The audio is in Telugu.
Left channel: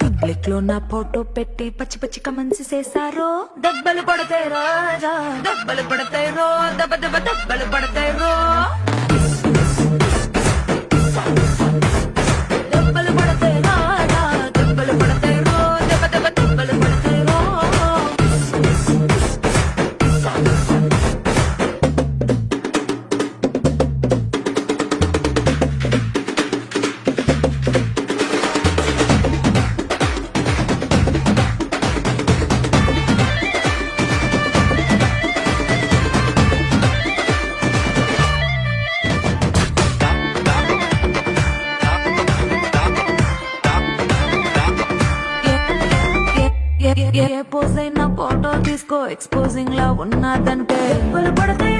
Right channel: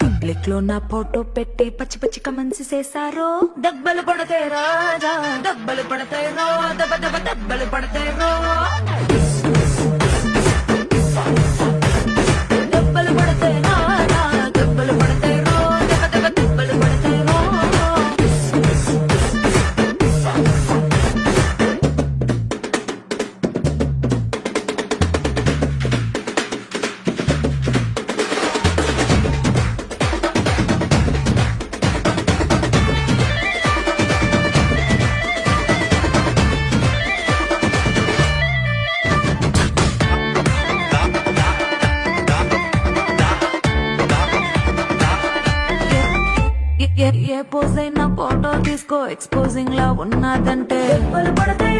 పబ్లిక్ లో నా ఫోటో పెట్టి పచ్చి పచ్చి కమెంట్స్ చేశారో దెబ్బలు పడతాయి రాజా దెబ్బలు పడతాయి రో దెబ్బ దెబ్బ దెబ్బలు పడతాయి రో దెబ్బలు పడతాయి రాజా దెబ్బలు పడతాయి రో దెబ్బ దెబ్బ దెబ్బలు పడతాయి రో ఏ పోజ్ అయినా ఫోటో తీసుకో ఎక్స్పోజింగ్ లా ఉన్నదంటే దెబ్బలు పడతాయి